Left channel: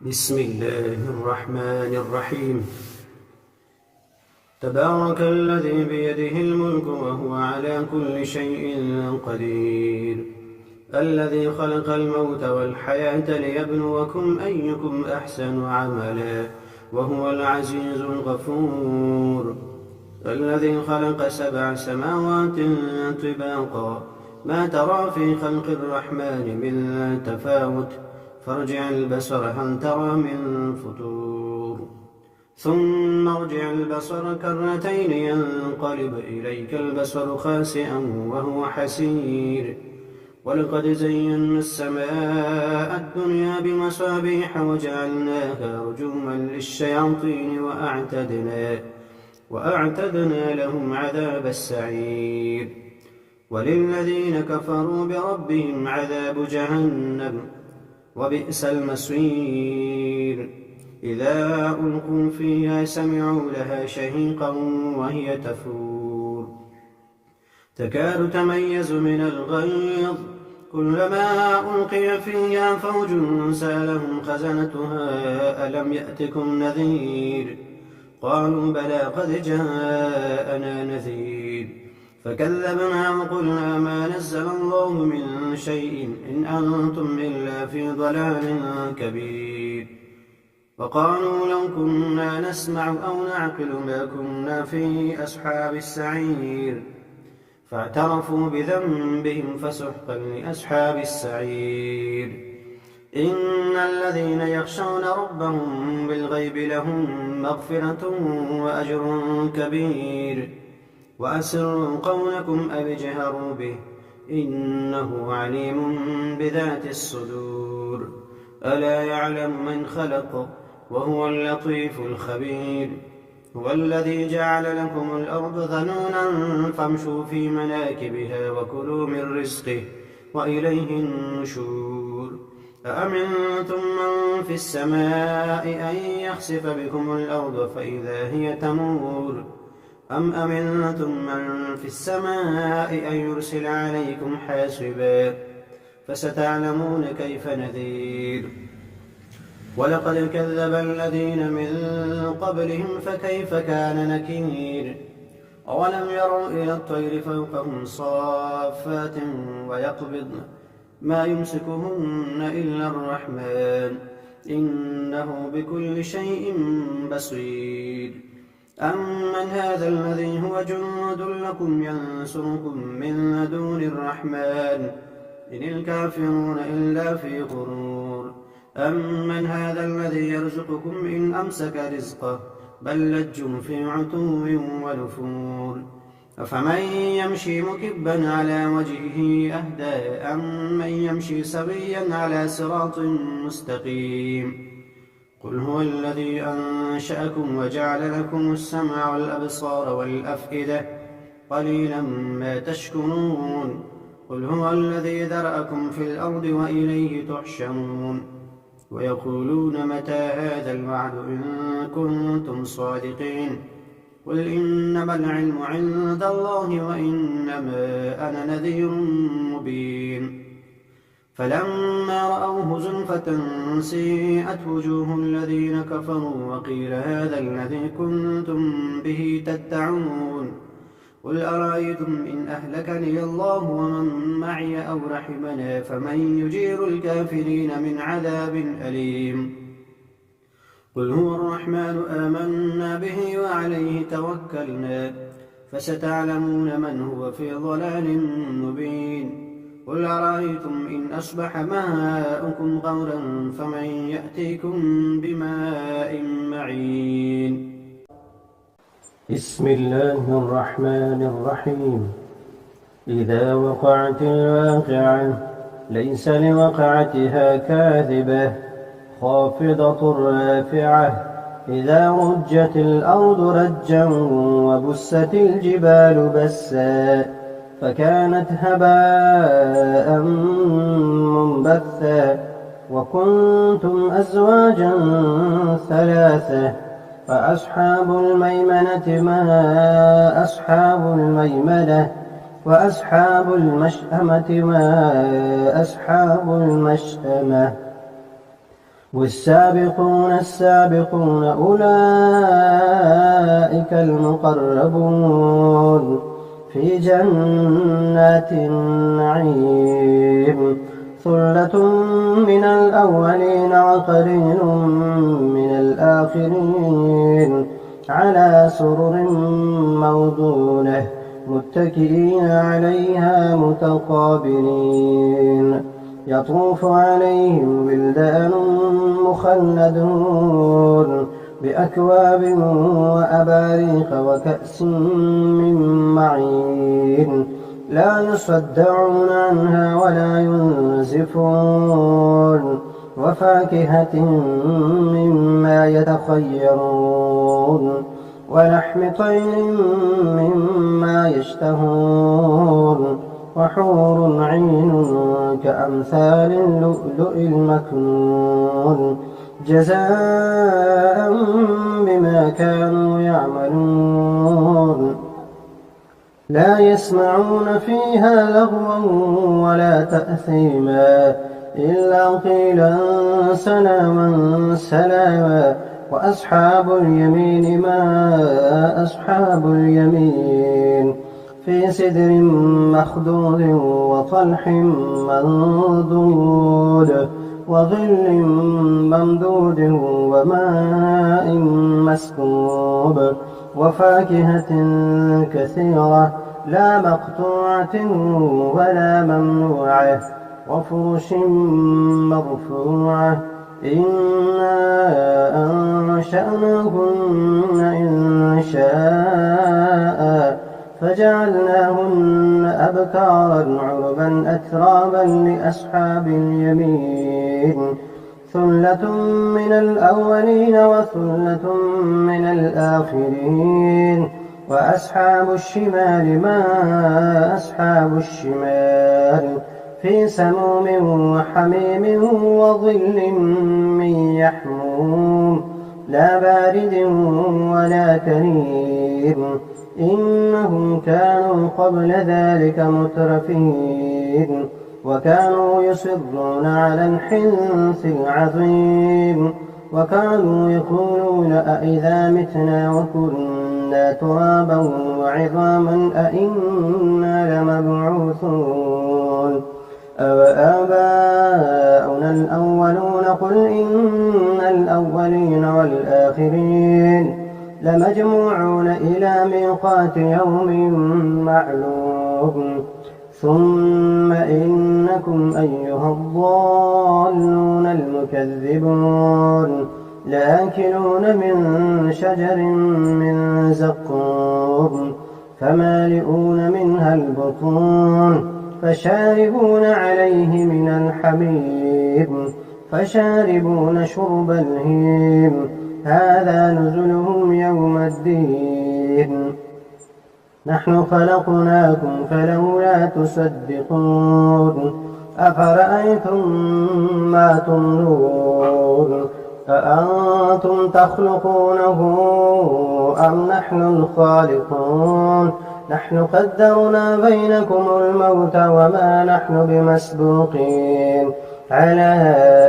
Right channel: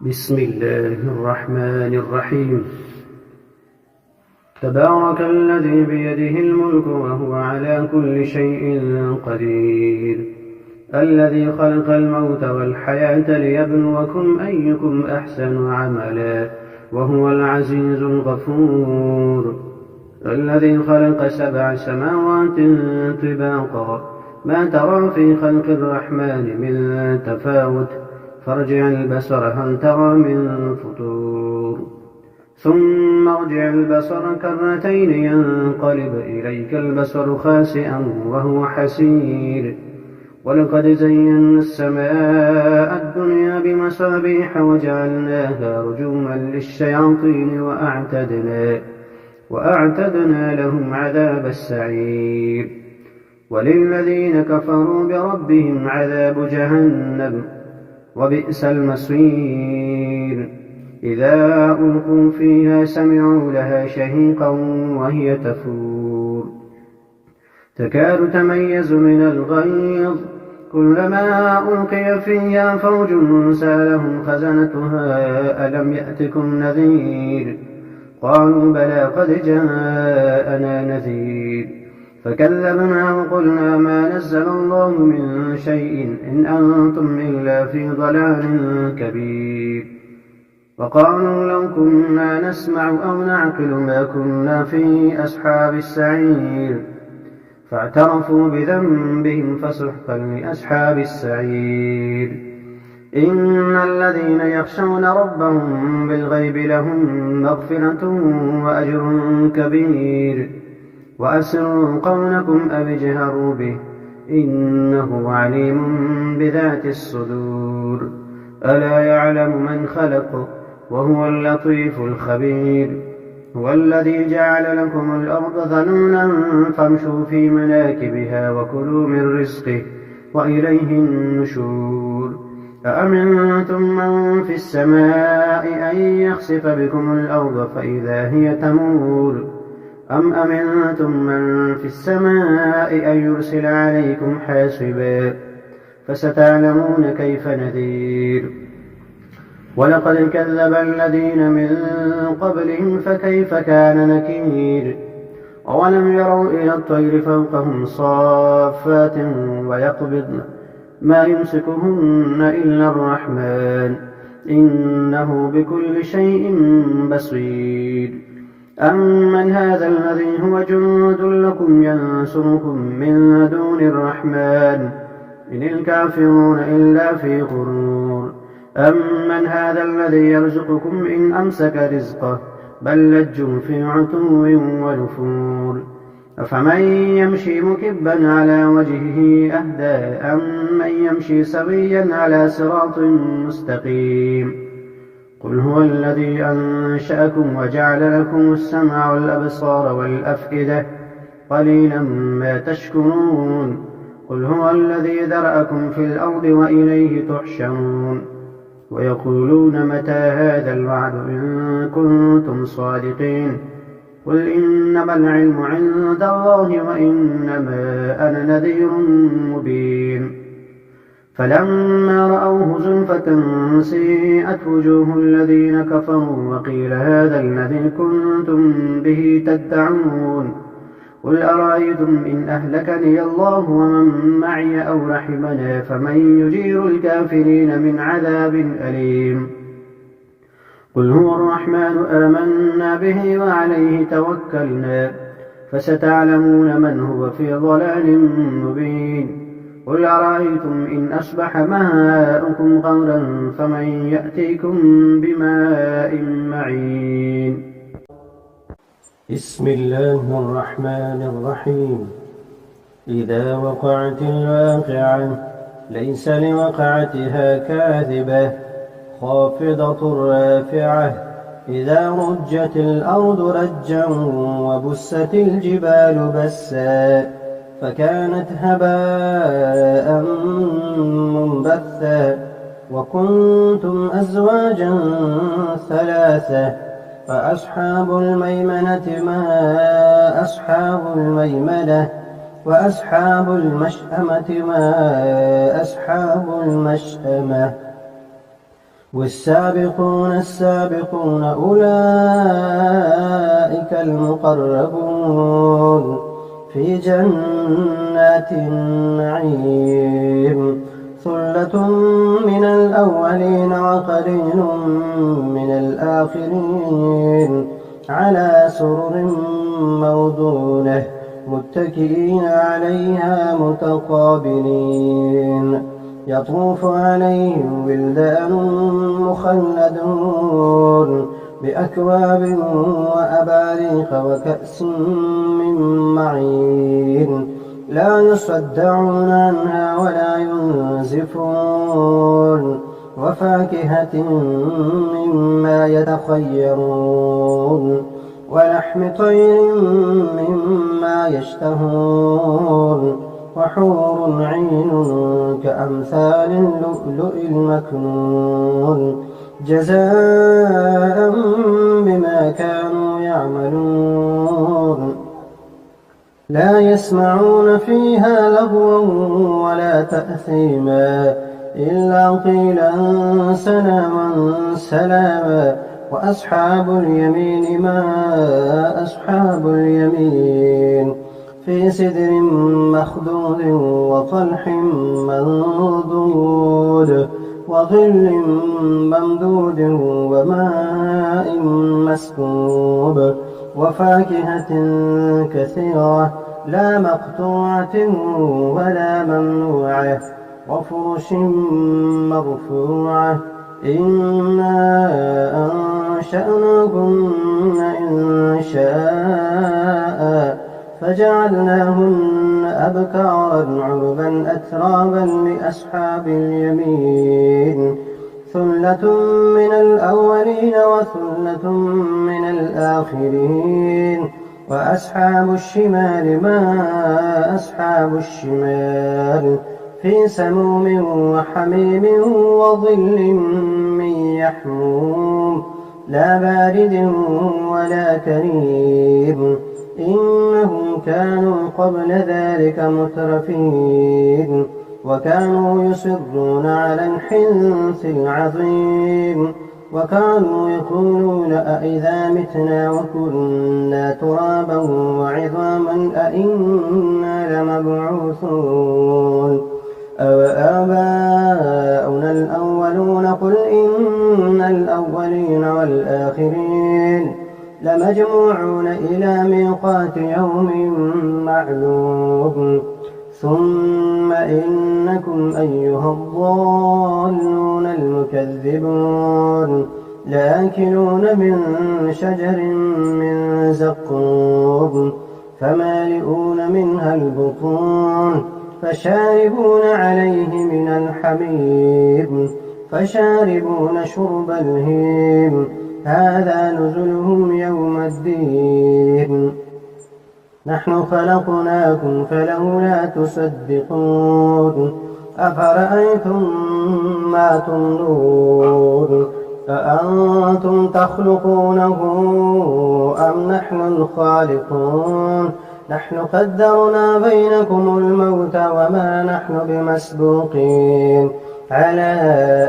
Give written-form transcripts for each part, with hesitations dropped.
بسم الله الرحمن الرحيم. تبارك الذي بيده الملك وهو على كل شيء قدير، الذي خلق الموت والحياة ليبلوكم أيكم أحسن عملا وهو العزيز الغفور، الذي خلق 7 سماوات طباقا ما ترى في خلق الرحمن من تفاوت، فارجع البصر هل ترى من فطور، ثم ارجع البصر كرتين ينقلب إليك البصر خاسئا وهو حسير، ولقد زينا السماء الدنيا بمصابيح وجعلناها رجوما للشياطين وأعتدنا لهم عذاب السعير، وللذين كفروا بربهم عذاب جهنم وبئس المصير. إذا ألقوا فيها سمعوا لها شهيقا وهي تفور، تكاد تميز من الغيظ، كلما ألقي فيها فوج سألهم خزنتها ألم يأتكم نذير، قالوا بلى قد جاءنا نذير، فكذبنا وقلنا ما نزل الله من شيء إن أنتم إلا في ضلال كبير، وقالوا لو كنا نسمع أو نعقل ما كنا في أصحاب السعير، فاعترفوا بذنبهم فسحقا لأصحاب السعير. إن الذين يخشون ربهم بالغيب لهم مغفرة وأجر كبير، وأسروا قولكم أو اجهروا به إنه عليم بذات الصدور، ألا يعلم من خلق وهو اللطيف الخبير. هو الذي جعل لكم الأرض ذلولا فامشوا في مناكبها وكلوا من رزقه وإليه النشور. أأمنتم من في السماء أن يخسف بكم الأرض فإذا هي تمور، أم أمنتم من في السماء أن يرسل عليكم حاصبا، فستعلمون كيف نذير. ولقد كذب الذين من قبلهم فكيف كان نكير. أولم يروا إلى الطير فوقهم صافات ويقبضن ما يمسكهن إلا الرحمن إنه بكل شيء بصير. أمن هذا الذي هو جند لكم ينصركم من دون الرحمن إن الكافرون إلا في غرور. أمن هذا الذي يرزقكم إن أمسك رزقه بل لجوا في عتو ونفور. أفمن يمشي مكبا على وجهه أهدى أم من يمشي سويا على صراط مستقيم. قل هو الذي أنشأكم وجعل لكم السمع والأبصار والأفئدة قليلا ما تشكرون. قل هو الذي ذرأكم في الأرض وإليه تحشرون. ويقولون متى هذا الوعد إن كنتم صادقين. قل إنما العلم عند الله وإنما أنا نذير مبين. فلما رأوه زلفة سيئت وجوه الذين كفروا وقيل هذا الذي كنتم به تدعون. قل أرأيتم إن أهلكني الله ومن معي أو رحمنا فمن يجير الكافرين من عذاب أليم. قل هو الرحمن آمنا به وعليه توكلنا فستعلمون من هو في ضلال مبين. قل أرأيتم إن أصبح ماؤكم غورا فمن يأتيكم بماء معين. بسم الله الرحمن الرحيم. إذا وقعت الواقعة ليس لوقعتها كاذبة خافضة رافعة. إذا رجت الأرض رجا وبست الجبال بسا فكانت هباء منبثا وكنتم أزواجا ثلاثة فأصحاب الميمنة ما أصحاب الميمنة وأصحاب المشأمة ما أصحاب المشأمة والسابقون السابقون أولئك المقربون في جنات النعيم ثلة من الأولين وقليل من الآخرين على سرر موضونة متكئين عليها متقابلين يطوف عليهم ولدان مخلدون بأكواب وأباريق وكأس من معين لا يصدعون عنها ولا ينزفون وفاكهة مما يتخيرون ولحم طير مما يشتهون وحور عين كأمثال اللؤلؤ المكنون جزاء بما كانوا يعملون لا يسمعون فيها لغوا ولا تأثيما إلا قيلا سلاما سلاما وأصحاب اليمين ما أصحاب اليمين في سدر مخضود وطلح منضود وظل ممدود وماء مسكوب وفاكهة كثيرة لا مقطوعة ولا ممنوعة وفرش مرفوعة إنا أنشأناهن إن شاء فجعلناهن أبكارا عربا أترابا لأصحاب اليمين ثلة من الأولين وثلة من الآخرين وأصحاب الشمال ما أصحاب الشمال في سموم وحميم وظل من يحموم لا بارد ولا كريم إنهم كانوا قبل ذلك مترفين وكانوا يصرون على الحنث العظيم وكانوا يقولون أئذا متنا وكنا ترابا وعظاما أئنا لمبعوثون أوآباؤنا الأولون قل إن الأولين والآخرين لمجموعون إلى ميقات يوم معلوم ثم إنكم أيها الضالون المكذبون لآكلون من شجر من زقوم فمالئون منها البطون فشاربون عليه من الحميم فشاربون شرب الهيم هذا نزلهم يوم الدين نحن خلقناكم فلولا تصدقون أفرأيتم ما تمنون أأنتم تخلقونه أم نحن الخالقون نحن قدرنا بينكم الموت وما نحن بمسبوقين على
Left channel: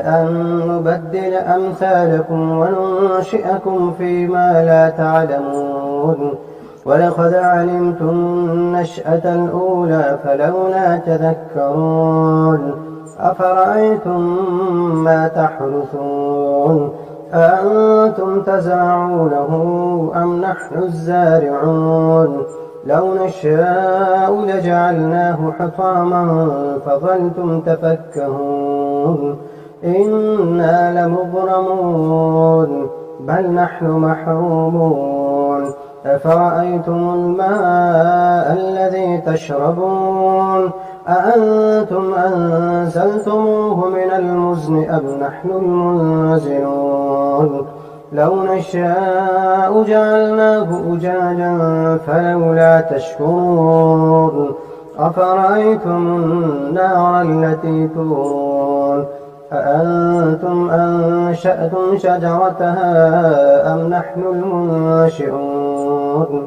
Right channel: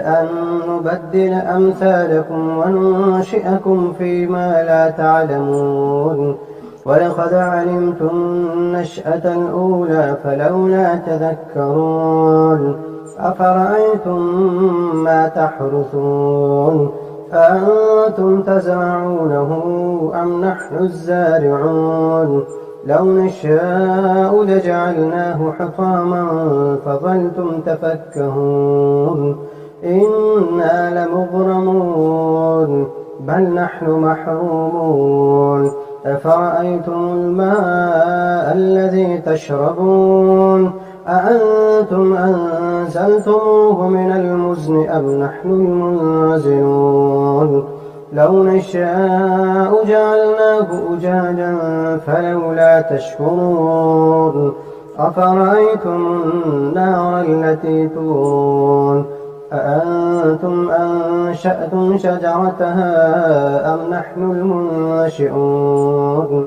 أن نبدل أمثالكم وننشئكم فيما لا تعلمون ولقد علمتم النشأة الأولى فلولا تذكرون أفرأيتم ما تحرثون أأنتم تزرعونه أم نحن الزارعون لو نشاء لجعلناه حطاما فظلتم تفكهون إنا لمغرمون بل نحن محرومون أفرأيتم الماء الذي تشربون أأنتم أنزلتموه من المزن أم نحن المنزلون لو نشاء جعلناه أجاجا فلولا تشكرون أفرأيتم النار التي تورون أأنتم أنشأتم شجرتها أم نحن المنشئون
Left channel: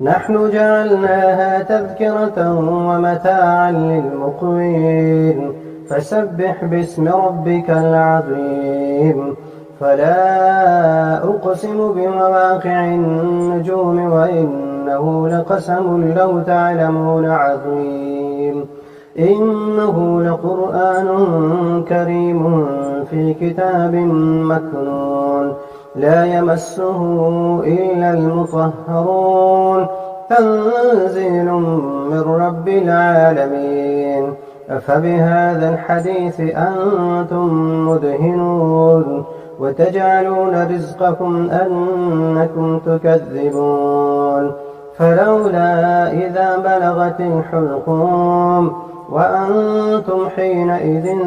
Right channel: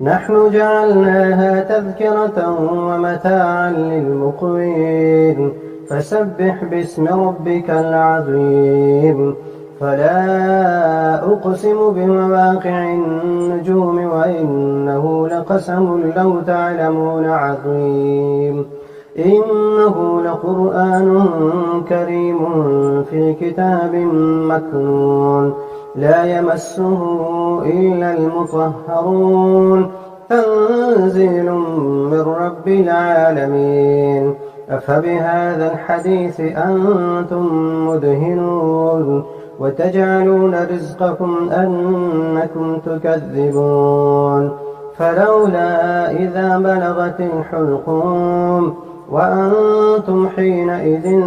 نحن جعلناها تذكرة ومتاعا للمقوين فسبح باسم ربك العظيم. فلا أقسم بمواقع النجوم وإنه لقسم لو تعلمون عظيم. إنه لقرآن كريم في كتاب مكنون لا يمسه إلا المطهرون تنزيل من رب العالمين. أفبهذا الحديث أنتم مدهنون وتجعلون رزقكم أنكم تكذبون. فلولا إذا بلغت الحلقوم وأنتم حينئذ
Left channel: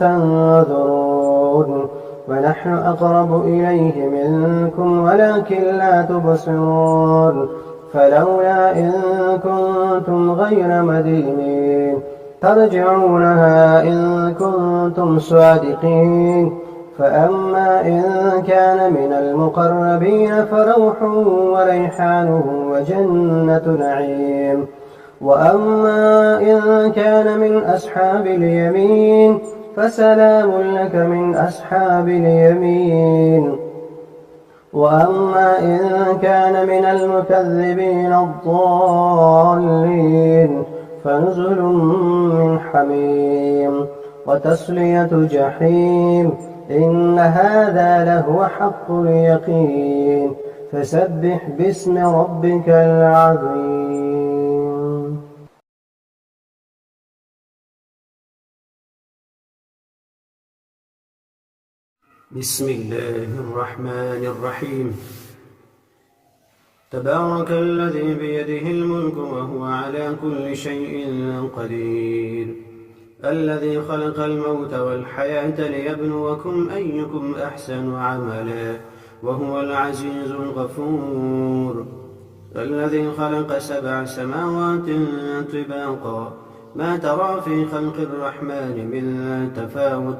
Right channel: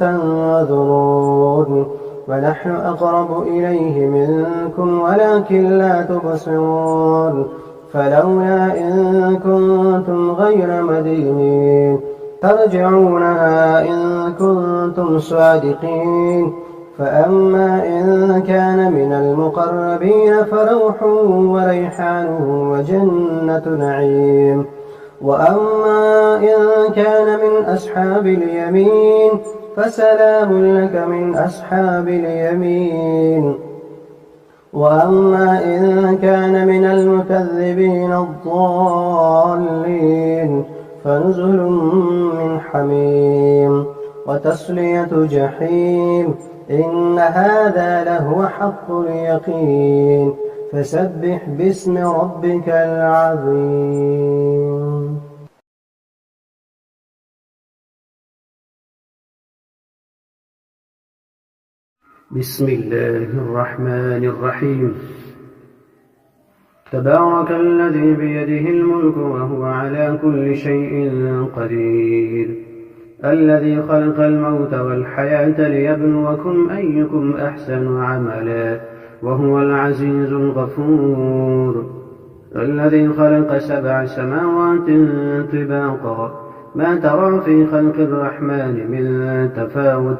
تنظرون ونحن أقرب إليه منكم ولكن لا تبصرون. فلولا إن كنتم غير مدينين ترجعونها إن كنتم صادقين. فأما إن كان من المقربين فروح وريحان وجنة نعيم. وأما إن كان من أصحاب اليمين فسلام لك من أصحاب اليمين. وأما إن كان من المكذبين الضالين فنزل من حميم وتصلية جحيم. إن هذا لهو حق اليقين. فسبح باسم ربك العظيم. بسم الله الرحمن الرحيم. تبارك الذي بيده الملك وهو على كل شيء قدير. الذي خلق الموت والحياة ليبلوكم أيكم أحسن عملا وهو العزيز الغفور. الذي خلق 7 سماوات طباقا ما ترى في خلق الرحمن من تفاوت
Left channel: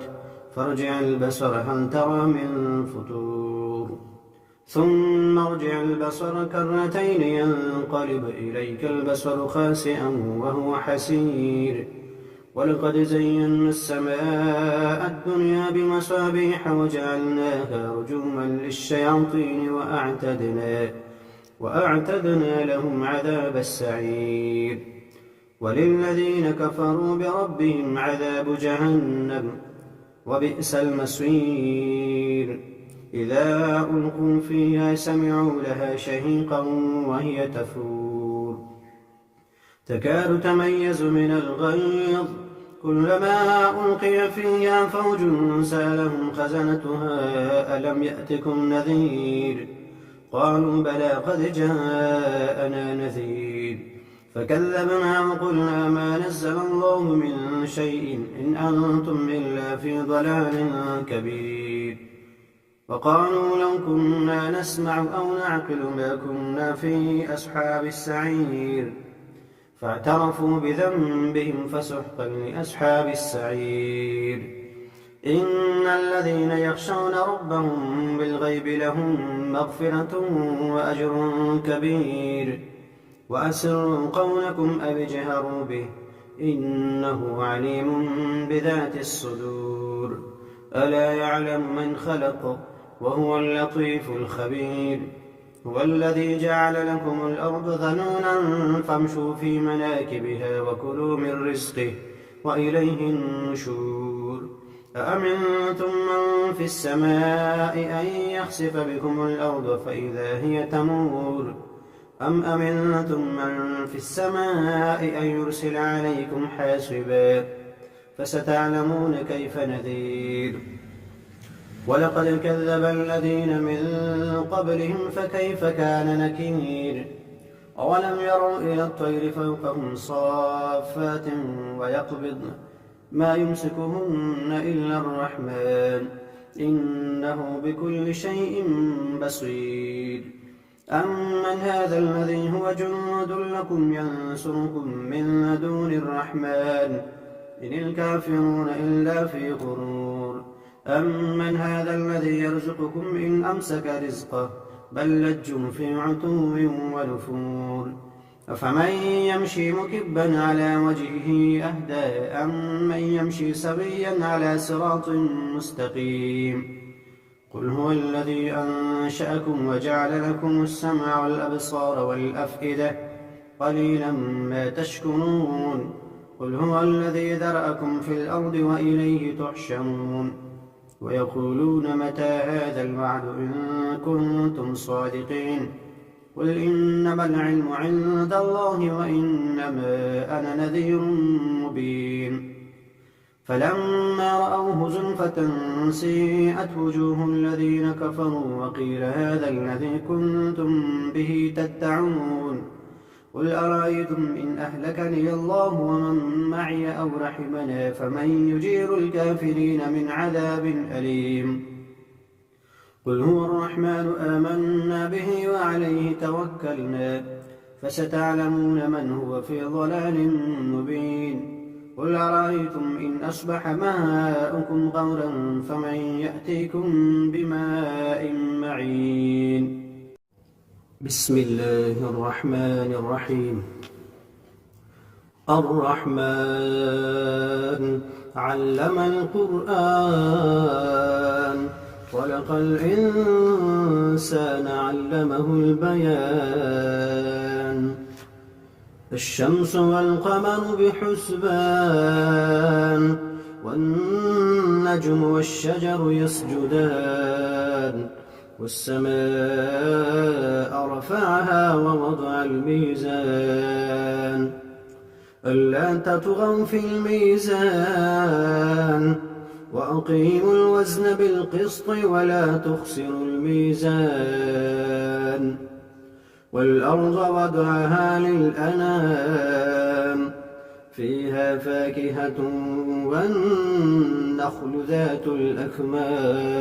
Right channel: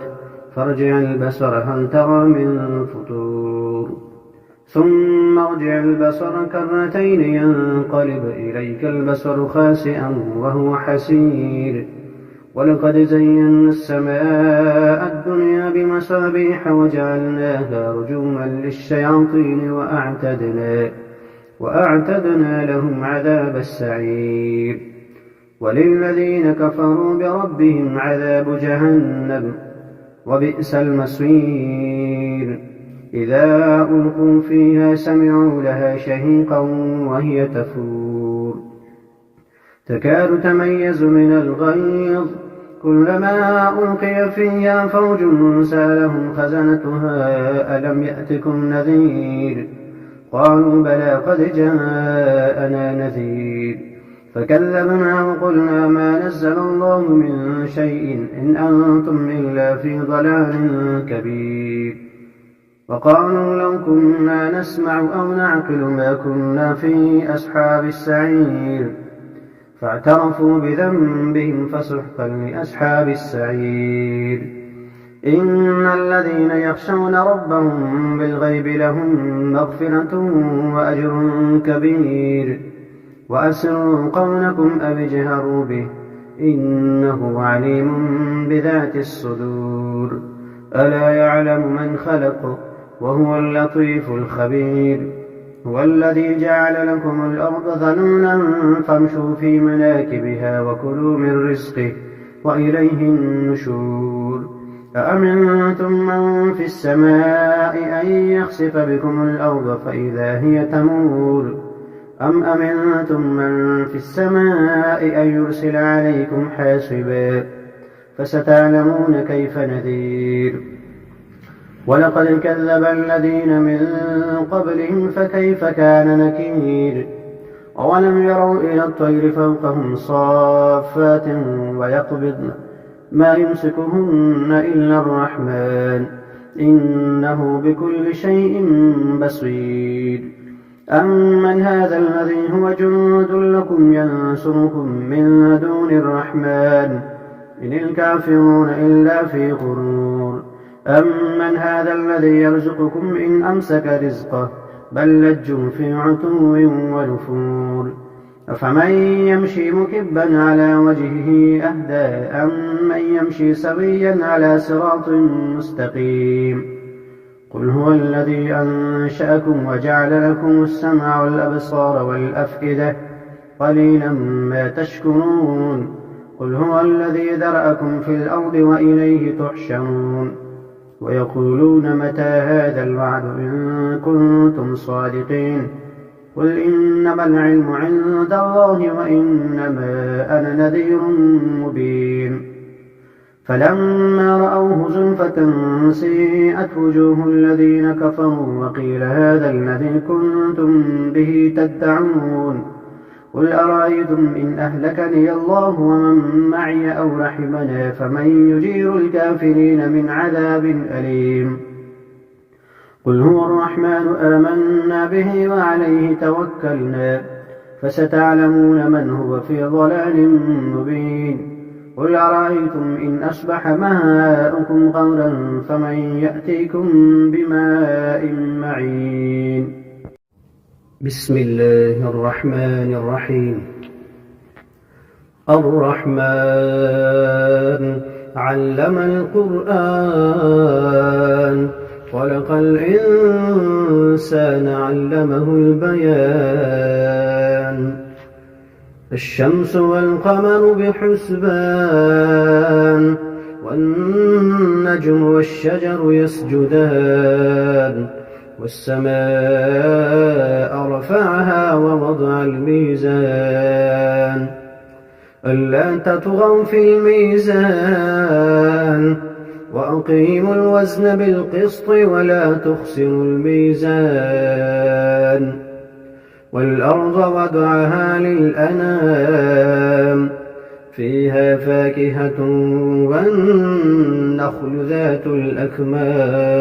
فارجع البصر هل ترى من فطور ثم ارجع البصر كرتين ينقلب إليك البصر خاسئا وهو حسير. ولقد زينا السماء الدنيا بمصابيح وجعلناها رجوما للشياطين وأعتدنا لهم عذاب السعير. وللذين كفروا بربهم عذاب جهنم وبئس المصير. إذا ألقوا فيها سمعوا لها شهيقا وهي تفور تكاد تميز من الغيظ كلما ألقي فيها فوج سألهم خزنتها ألم يأتكم نذير قالوا بلى قد جاءنا نذير فكذبنا وقلنا ما نزل الله من شيء إن أنتم إلا في ضلال كبير. وقالوا لو كنا نسمع أو نعقل ما كنا في أصحاب السعير فاعترفوا بذنبهم فسحقا لأصحاب السعير. إن الذين يخشون ربهم بالغيب لهم مغفرة وأجر كبير. وأسروا قولكم أو اجهروا به إنه عليم بذات الصدور. ألا يعلم من خلق وهو اللطيف الخبير. هو الذي جعل لكم الأرض ذلولا فامشوا في مناكبها وكلوا من رزقه وإليه النشور. أأمنتم من في السماء أن يخسف بكم الأرض فإذا هي تمور أم أمنتم من في السماء أن يرسل عليكم حاصبا فستعلمون كيف نذير. ولقد كذب الذين من قبلهم فكيف كان نكير. أولم يروا إلى الطير فوقهم صافات ويقبضن ما يمسكهن إلا الرحمن إنه بكل شيء بصير. أمن هذا الذي هو جند لكم ينصركم من دون الرحمن إن الكافرون إلا في غرور. أمن هذا الذي يرزقكم إن أمسك رزقه بل لجوا في عتو ونفور. أفمن يمشي مكبا على وجهه أهدى أمن يمشي سويا على صراط مستقيم قل هو الذي أنشأكم وجعل لكم السمع والأبصار والأفئدة قليلا ما تشكرون قل هو الذي ذرأكم في الأرض وإليه تحشرون ويقولون متى هذا الوعد إن كنتم صادقين قل إنما العلم عند الله وإنما أنا نذير مبين فلما رأوه زلفة سيئت وجوه الذين كفروا وقيل هذا الذي كنتم به تدعون قل أرأيتم إن أهلكني الله ومن معي أو رحمنا فمن يجير الكافرين من عذاب أليم قل هو الرحمن آمنا به وعليه توكلنا فستعلمون من هو في ضلال مبين قل أرأيتم إن أصبح ماؤكم غورا فمن يأتيكم بماء معين بسم الله الرحمن الرحيم الرحمن علم القرآن خلق الإنسان علمه البيان الشمس والقمر بحسبان والنجم والشجر يسجدان والسماء رفعها ووضع الميزان ألا تطغوا في الميزان وأقيموا الوزن بالقسط ولا تخسروا الميزان والأرض وضعها للأنام فيها فاكهة والنخل ذات الأكمام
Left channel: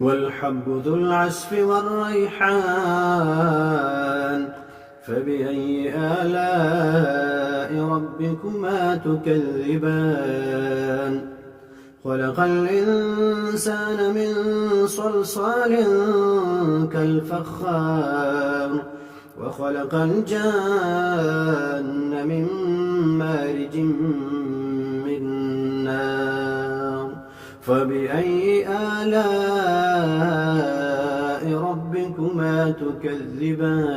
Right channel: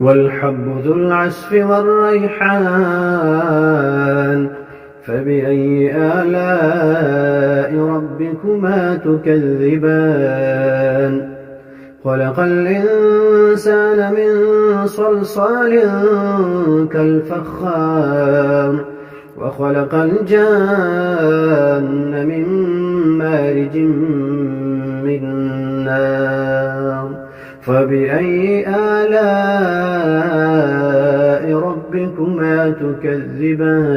والحب ذو العصف والريحان فبأي آلاء ربكما تكذبان خلق الإنسان من صلصال كالفخار وخلق الجان من مارج من نار فبأي آلاء ربكما تكذبان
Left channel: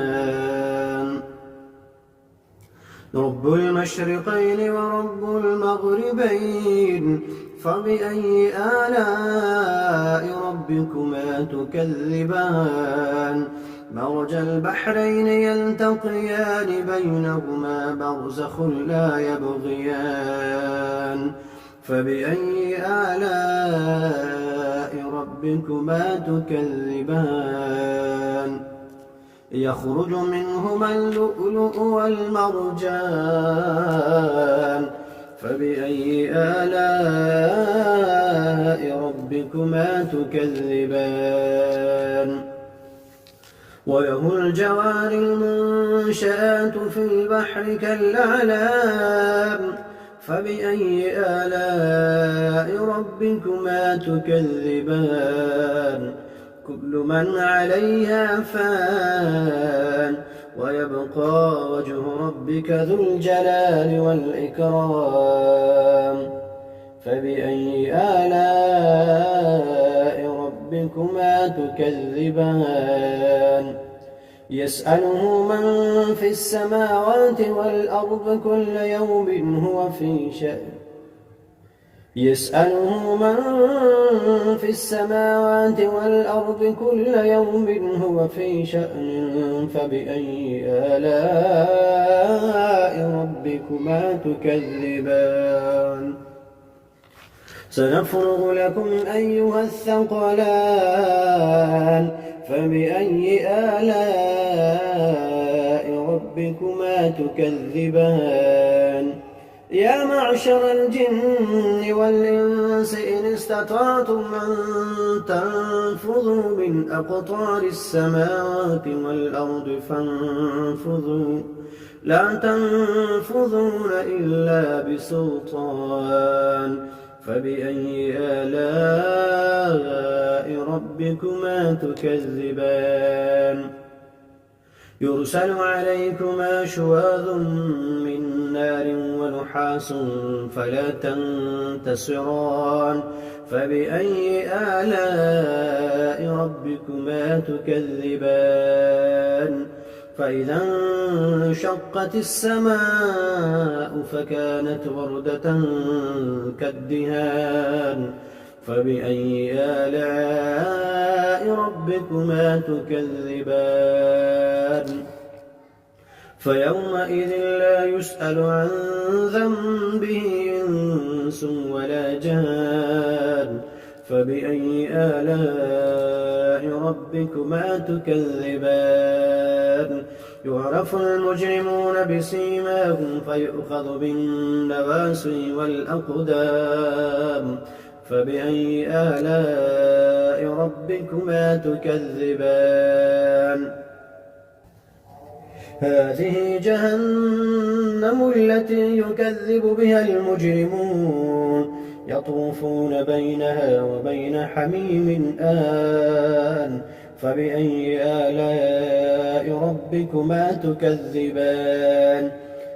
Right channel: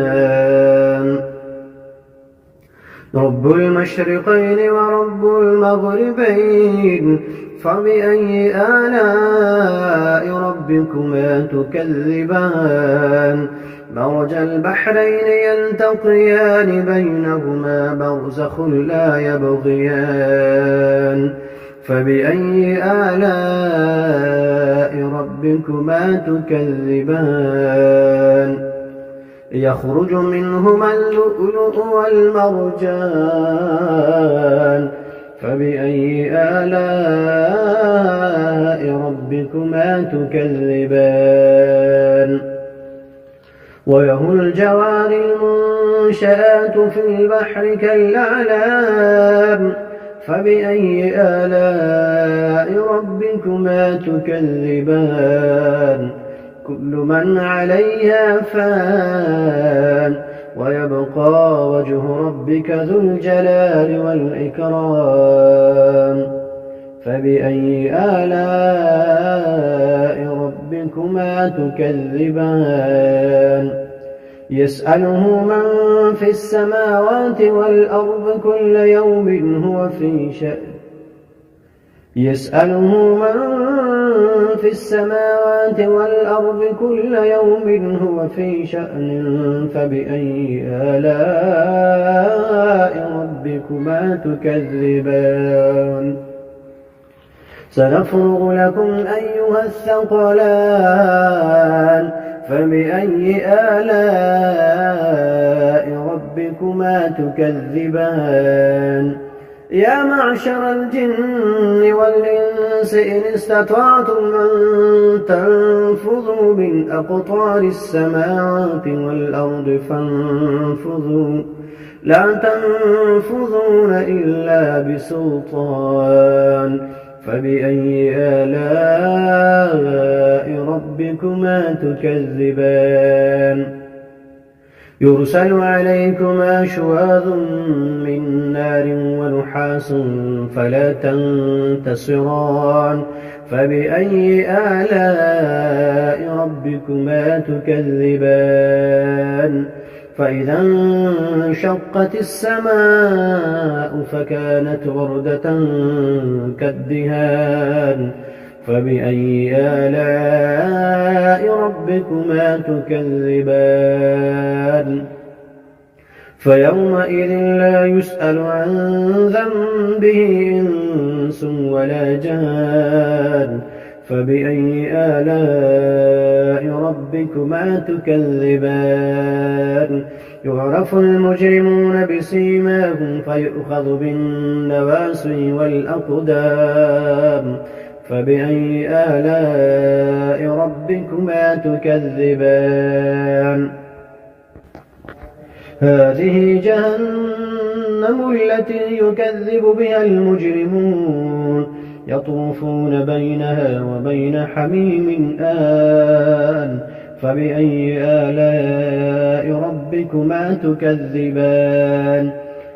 رب المشرقين ورب المغربين فبأي آلاء ربكما تكذبان مرج البحرين يلتقيان بينهما برزخ لا يبغيان فبأي آلاء ربكما تكذبان يخرج منهما اللؤلؤ والمرجان فبأي آلاء ربكما تكذبان وله الجوار المنشآت في البحر كالأعلام فبأي آلاء ربكما تكذبان كل من عليها فان ويبقى وجه ربك ذو الجلال والإكرام فبأي آلاء ربكما تكذبان يسأله من في السماوات والأرض كل يوم هو في شأن يسأله من في السماوات والأرض كل يوم هو في شأن فبأي آلاء ربكما تكذبان سنفرغ لكم أيها الثقلان فبأي آلاء ربكما تكذبان يا معشر الجن والإنس إن استطعتم أن تنفذوا من أقطار السماوات والأرض فانفذوا لا تنفذون إلا بسلطان فبأي آلاء ربكما تكذبان يرسل عليكما شواظ من نار ونحاس فلا تنتصران فبأي آلاء ربكما تكذبان فإذا انشقت السماء فكانت وردة كالدهان فبأي آلاء ربكما تكذبان فيومئذ لا يسأل عن ذنبه إنس ولا جان فبأي آلاء ربكما تكذبان يعرف المجرمون بسيماهم فيؤخذ بالنواصي والأقدام فبأي آلاء ربكما تكذبان هذه جهنم التي يكذب بها المجرمون يطوفون بينها وبين حميم آن فبأي آلاء ربكما تكذبان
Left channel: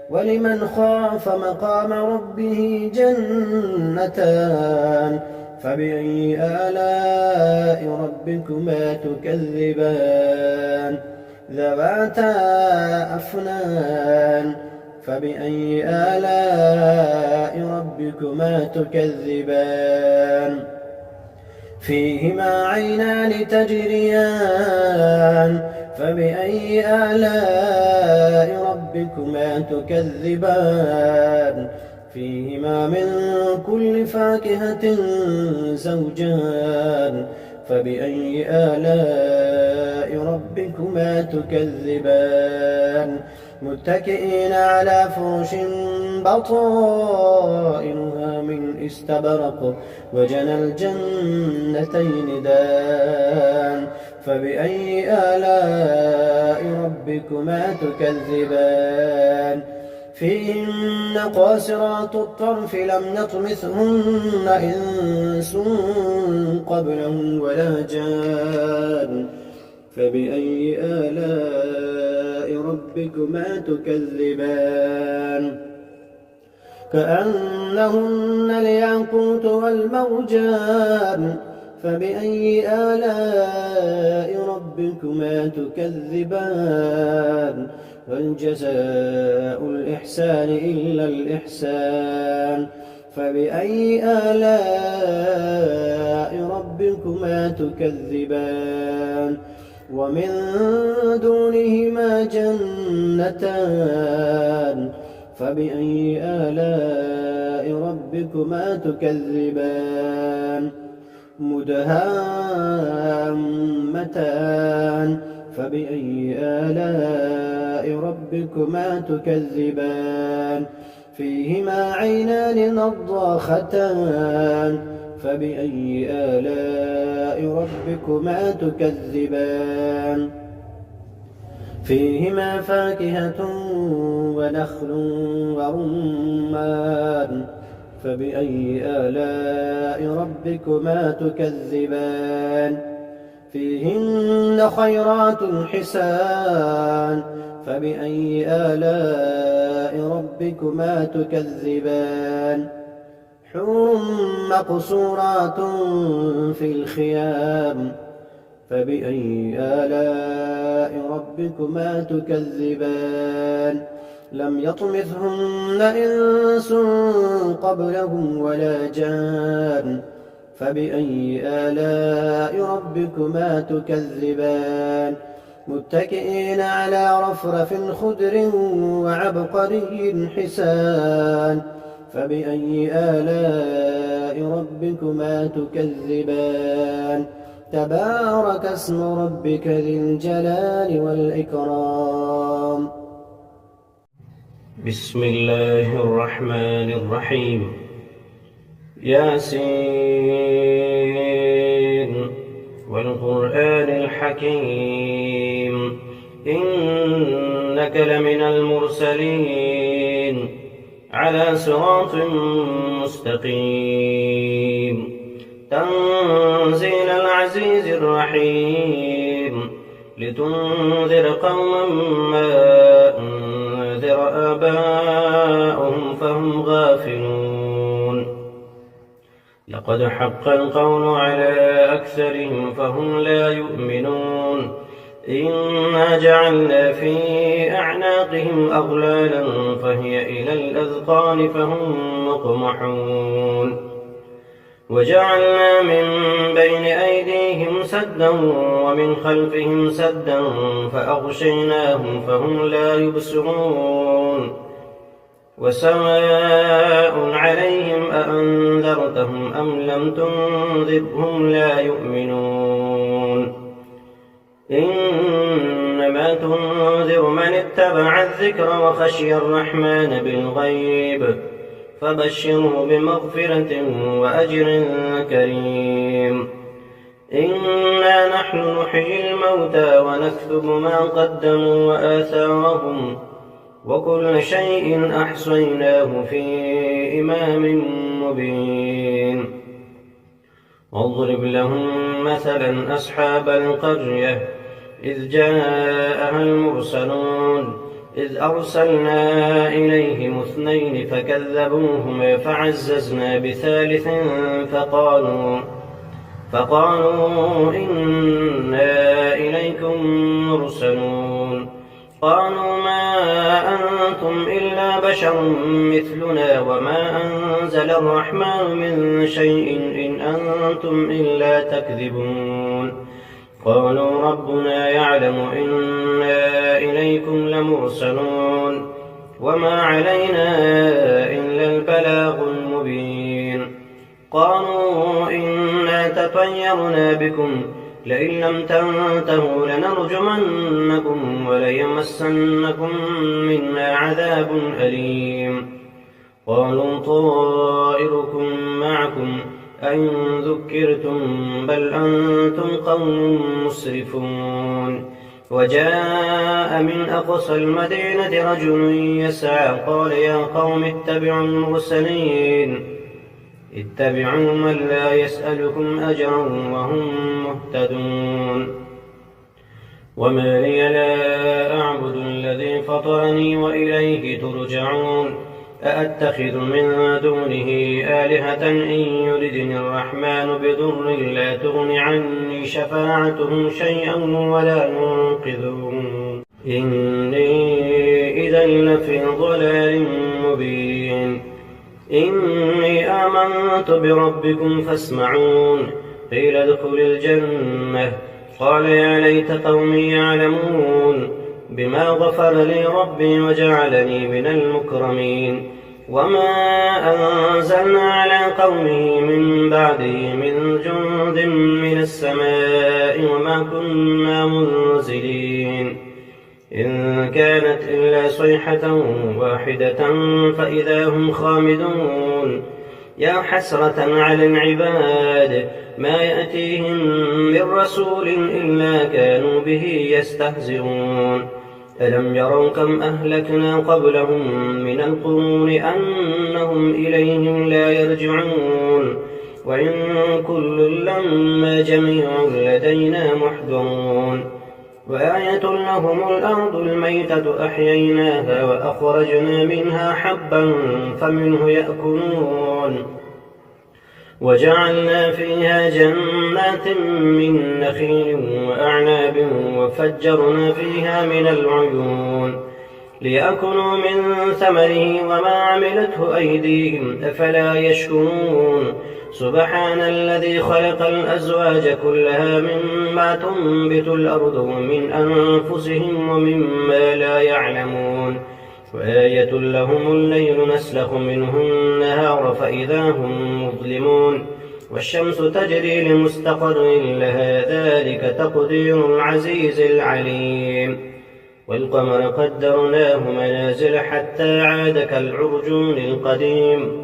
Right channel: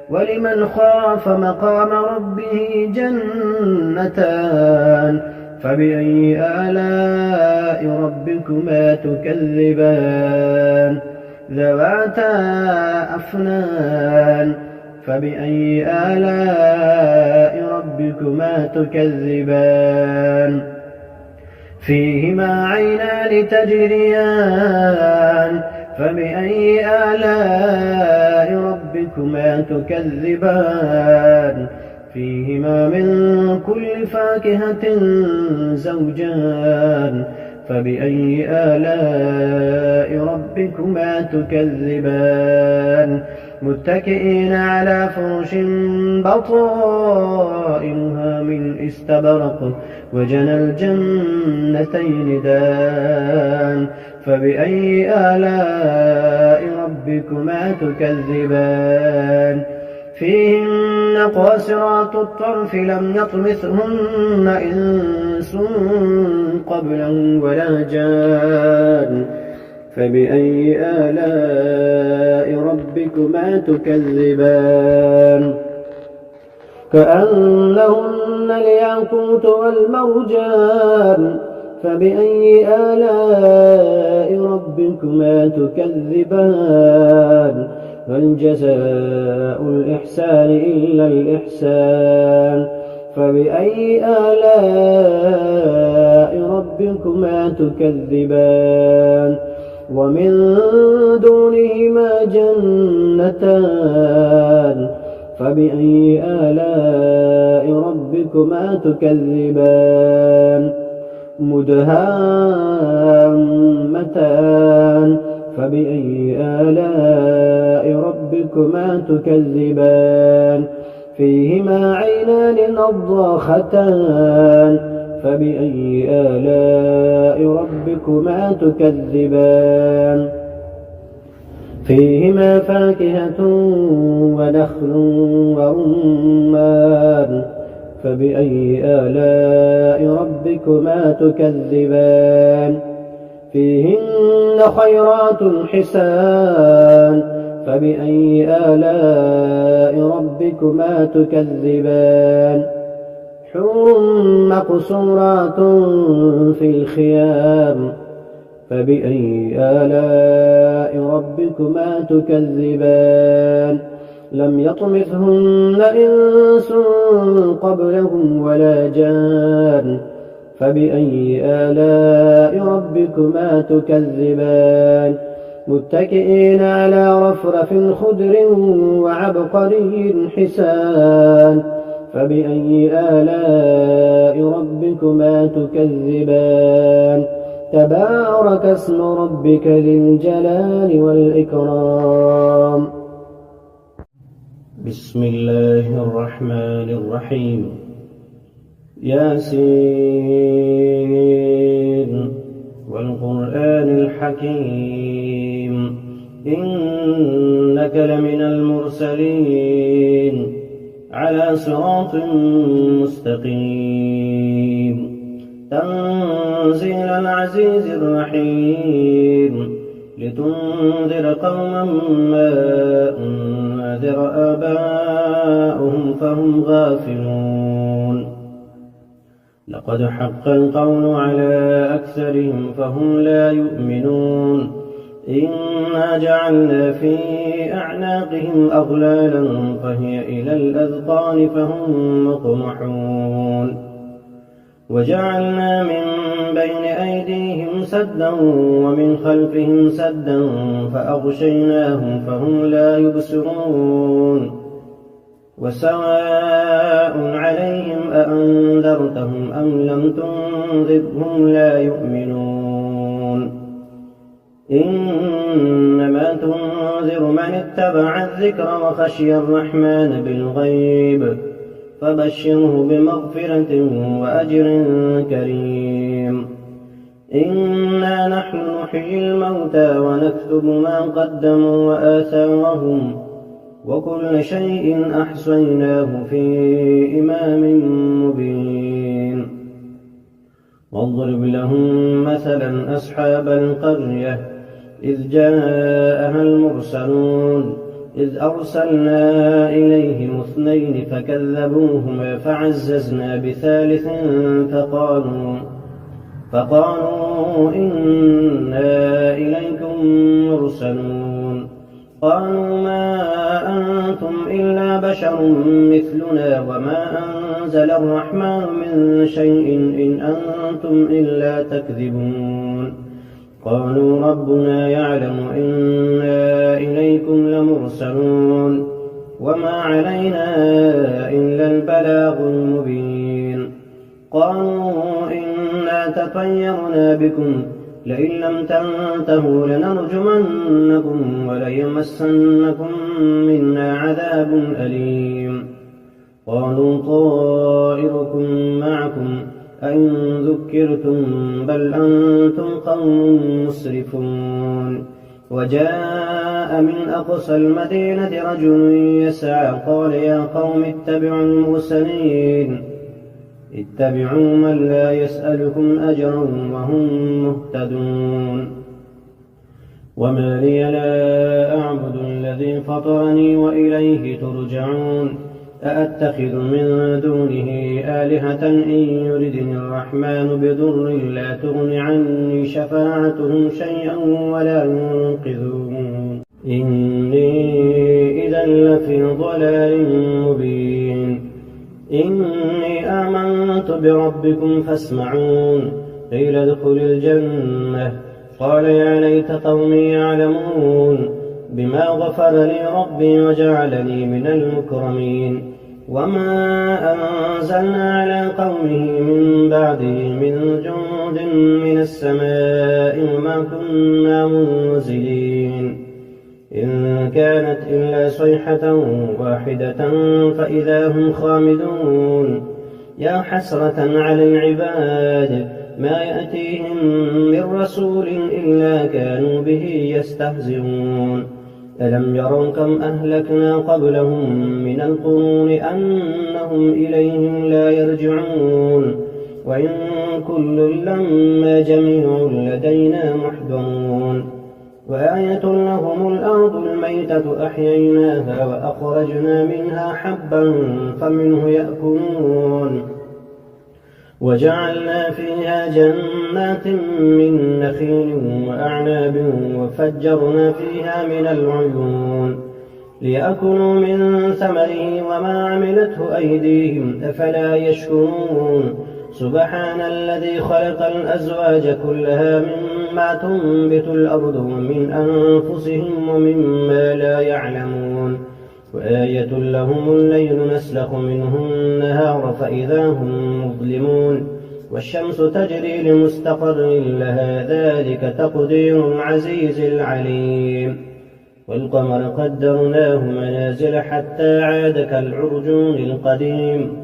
ولمن خاف مقام ربه جنتان فبأي آلاء ربكما تكذبان ذواتا أفنان فبأي آلاء ربكما تكذبان فيهما عينان تجريان فبأي آلاء ربكما تكذبان فيهما من كل فاكهة زوجان فبأي آلاء ربكما تكذبان متكئين على فرش بطائنها من استبرق وجنى الجنتين دان فبأي آلاء ربكما تكذبان فيهن قاصرات الطرف لم يطمثهن إنس قبلهم ولا جان فبأي آلاء ربكما تكذبان كأنهن الياقوت والمرجان فبأي آلاء ربكما تكذبان هل جزاء الإحسان إلا الإحسان فبأي آلاء ربكما تكذبان ومن دونهما جنتان فبأي آلاء ربكما تكذبان مدهامتان فبأي آلاء ربكما تكذبان فيهما عينان نضاختان فبأي آلاء ربكما تكذبان فيهما فاكهة ونخل ورمان فبأي آلاء ربكما تكذبان فيهن خيرات حسان فبأي آلاء ربكما تكذبان حور مقصورات في الخيام فبأي آلاء ربكما تكذبان لم يطمثهن إنس قبلهم ولا جان فبأي آلاء ربكما تكذبان متكئين على رفرف خضر وعبقري حسان فبأي آلاء ربكما تكذبان تبارك اسم ربك ذي الجلال والإكرام بسم الله الرحمن الرحيم ياسين والقرآن الحكيم إنك لمن المرسلين على صراط مستقيم تنزيل العزيز الرحيم لتنذر قوما ما أنذر آباؤهم فهم غافلون لقد حق القول على أكثرهم فهم لا يؤمنون إنا جعلنا في أعناقهم أغلالا فهي إلى الأذقان فهم مقمحون وجعلنا من بين أيديهم سدا ومن خلفهم سدا فأغشيناهم فهم لا يبصرون وسواء عليهم أأنذرتهم أم لم تنذرهم لا يؤمنون إنما تنذر من اتبع الذكر وخشي الرحمن بالغيب فبشره بمغفرة وأجر كريم إنا نحن نحيي الموتى ونكتب ما قدموا وآثارهم وكل شيء أحصيناه في إمام مبين واضرب لهم مثلا أصحاب القرية إذ جاءها المرسلون إذ أرسلنا إليهم 2 فكذبوهما فعززنا بثالث فقالوا إنا إليكم مرسلون قالوا ما أنتم إلا بشر مثلنا وما أنزل الرحمن من شيء إن أنتم إلا تكذبون قالوا ربنا يعلم إنا إليكم لمرسلون وما علينا إلا البلاغ المبين قالوا إنا تطيرنا بكم لئن لم تنتهوا لنرجمنكم وليمسنكم منا عذاب أليم قالوا طائركم معكم أئن ذكرتم بل أنتم قوم مسرفون وجاء من أقصى المدينة رجل يسعى قال يا قوم اتبعوا المرسلين اتبعوا من لا يسألكم أجرا وهم مهتدون وما لي لا أعبد الذي فطرني وإليه ترجعون أأتخذ من دونه آلهة إن يردني الرحمن بضر لا تغن عني شفاعتهم شيئا ولا ينقذون إني إذا لفي ضلال مبين إني آمنت بربكم فاسمعون قيل ادخل الجنة قال يا ليت قومي يعلمون بما غفر لي ربي وجعلني من المكرمين وما أنزلنا على قومه من بعده من جند من السماء وما كنا منزلين إن كانت إلا صيحة واحدة فإذا هم خامدون يا حسرة على العباد ما يأتيهم من رسول إلا كانوا به يستهزئون ألم يروا كم أهلكنا قبلهم من القرون أنهم إليهم لا يرجعون وإن كل لما جميع لدينا محضرون وآية لهم الأرض الميتة أحييناها وأخرجنا منها حبا فمنه يأكلون وجعلنا فيها جنات من نخيل وأعناب وفجرنا فيها من العيون ليأكلوا من ثمره وما عملته أيديهم أفلا يشكرون سبحان الذي خلق الأزواج كلها مما تنبت الأرض ومن أنفسهم ومما لا يعلمون وآية لهم الليل نسلخ منه النهار فإذا هم مظلمون والشمس تجري لمستقر لها ذلك تقدير العزيز العليم والقمر قدرناه منازل حتى عاد كالعرجون القديم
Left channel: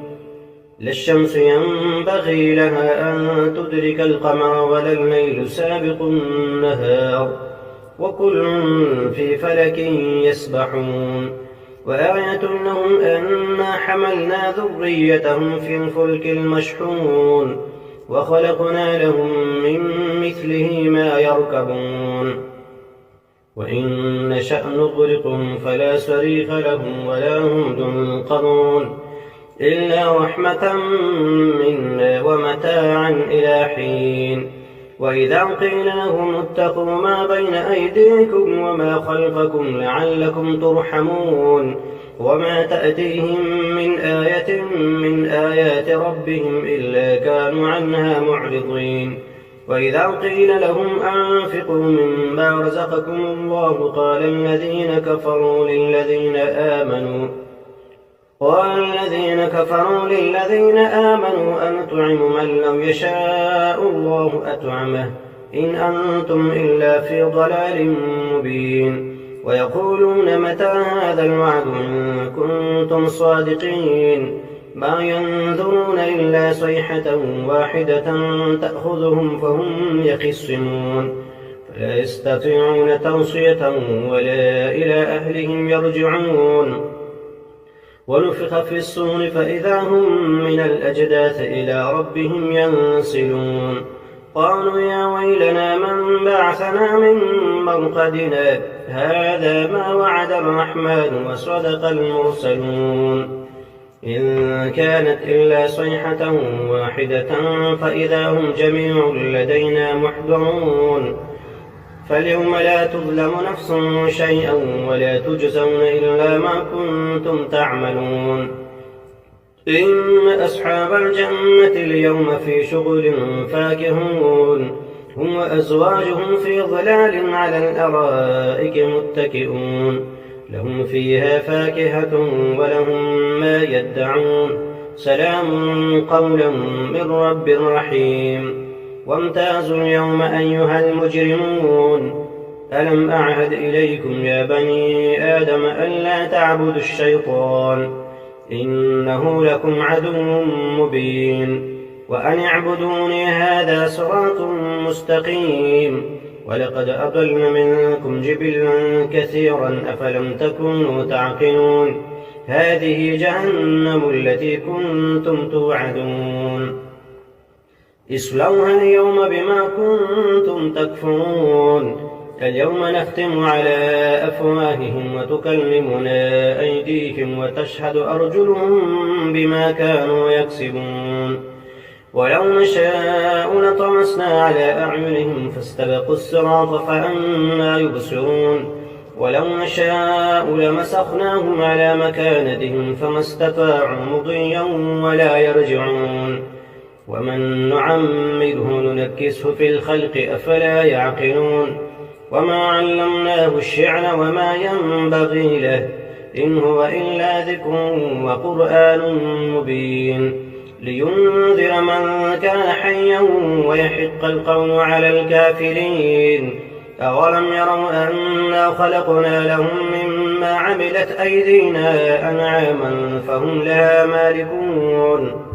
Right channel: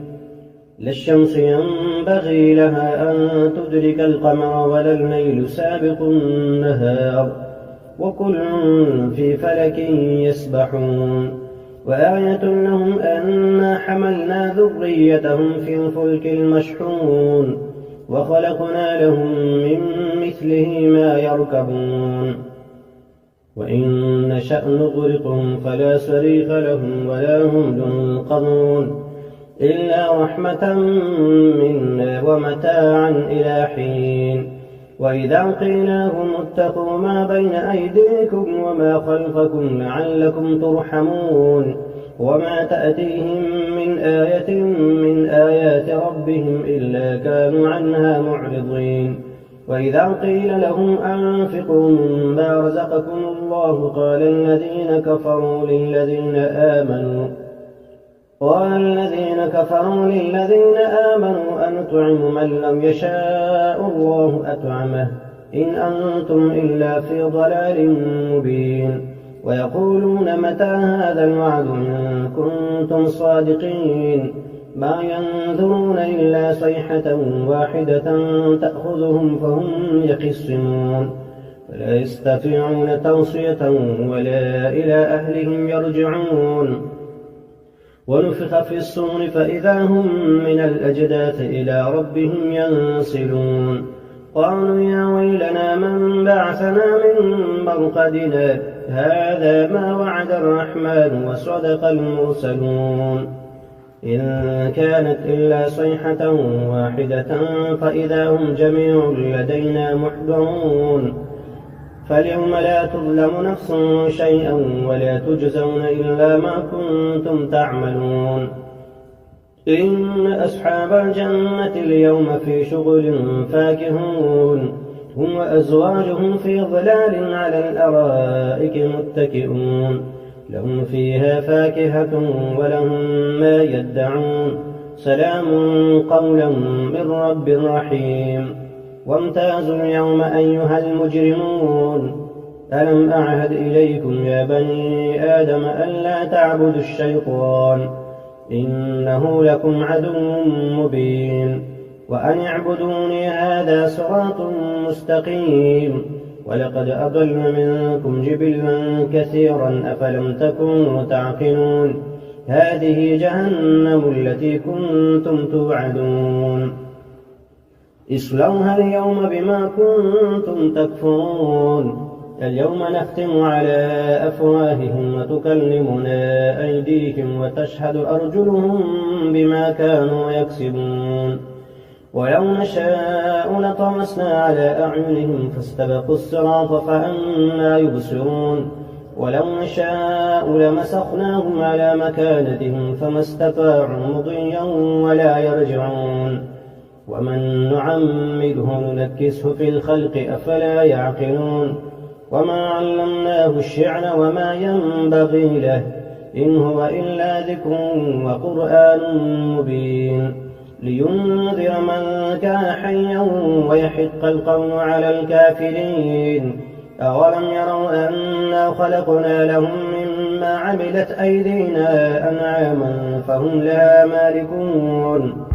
لا الشمس ينبغي لها أن تدرك القمر ولا الليل سابق النهار وكل في فلك يسبحون وآية لهم أنا حملنا ذريتهم في الفلك المشحون وخلقنا لهم من مثله ما يركبون وإن نشأ نغرقهم فلا صريخ لهم ولا هم ينقذون إلا رحمة منا ومتاعا إلى حين وإذا قيل لهم اتقوا ما بين أيديكم وما خلفكم لعلكم ترحمون وما تأتيهم من آية من آيات ربهم إلا كانوا عنها معرضين وإذا قيل لهم أنفقوا مما رزقكم الله قال الذين كفروا للذين آمنوا أنطعم من لم يشاء الله أطعمه إن أنتم إلا في ضلال مبين ويقولون متى هذا الوعد إن كنتم صادقين ما ينظرون إلا صيحة واحدة تأخذهم فهم يخصمون فلا يستطيعون توصية ولا إلى أهلهم يرجعون ونفخ في الصور فإذا هم من الأجداث إلى ربهم ينسلون قالوا يا ويلنا من بعثنا من مرقدنا هذا ما وعد الرحمن وصدق المرسلون إن كانت إلا صيحة واحدة فإذا هم جميع لدينا محضرون فاليوم لا تظلم نفس شيئا ولا تجزون إلا ما كنتم تعملون إن أصحاب الجنة اليوم في شغل فاكهون هم وأزواجهم في ظلال على الأرائك متكئون لهم فيها فاكهة ولهم ما يدعون سلام قولا من رب رحيم وامتازوا اليوم أيها المجرمون ألم أعهد إليكم يا بني آدم ألا تعبدوا الشيطان إنه لكم عدو مبين وأن اعبدوني هذا صراط مستقيم ولقد أضل منكم جبلا كثيرا أفلم تكونوا تعقلون هذه جهنم التي كنتم توعدون اصلوها اليوم بما كنتم تكفرون اليوم نختم على أفواههم وتكلمنا أيديهم وتشهد أرجلهم بما كانوا يكسبون ولو نشاء لطمسنا على أعينهم فاستبقوا الصراط فأنى يبصرون ولو نشاء لمسخناهم على مكانتهم فما استطاعوا مضيا ولا يرجعون ومن نعمره ننكسه في الخلق أفلا يعقلون وما علمناه الشعر وما ينبغي له إن هو إلا ذكر وقرآن مبين لينذر من كان حيا ويحق القول على الكافرين أولم يروا أنا خلقنا لهم مما عملت أيدينا أنعاما فهم لها مالكون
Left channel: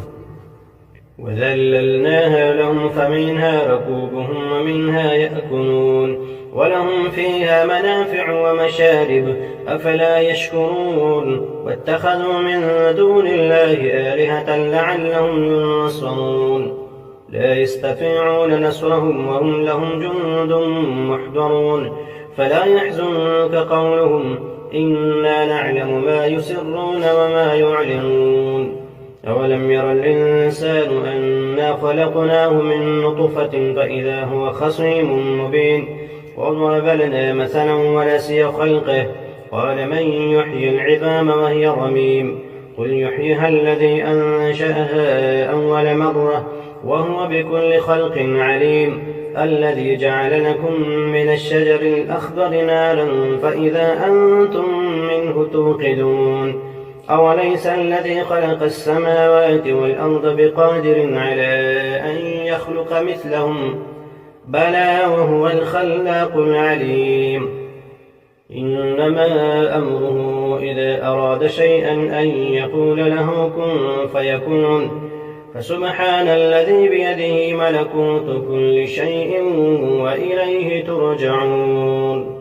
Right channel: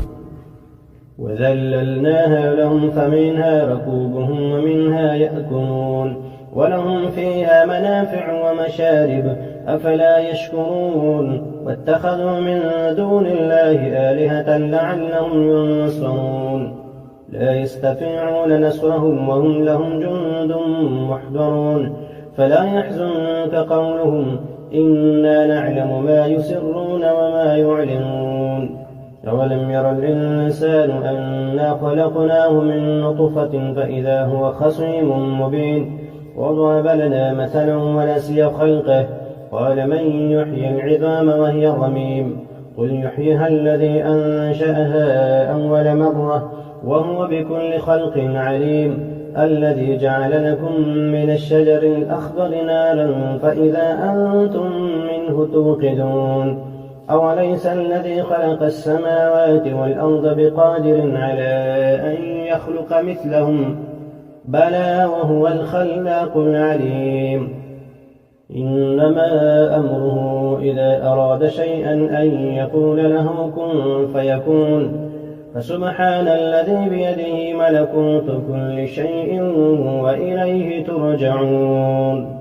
وذللناها لهم فمنها ركوبهم ومنها يأكلون ولهم فيها منافع ومشارب أفلا يشكرون واتخذوا من دون الله آلهة لعلهم ينصرون لا يستطيعون نصرهم وهم لهم جند محضرون فلا يحزنك قولهم إنا نعلم ما يسرون وما يعلنون أولم ير الإنسان أنا خلقناه من نطفة فإذا هو خصيم مبين وضرب لنا مثلا ونسي خلقه قال من يحيي العظام وهي رميم قل يحييها الذي أنشأها أول مرة وهو بكل خلق عليم الذي جعل لكم من الشجر الأخضر نارا فإذا أنتم منه توقدون أوليس الذي خلق السماوات والأرض بقادر على أن يخلق مثلهم بلى وهو الخلاق العليم إنما أمره إذا أراد شيئا أن يقول له كن فيكون فسبحان الذي بيده ملكوت كل شيء وإليه ترجعون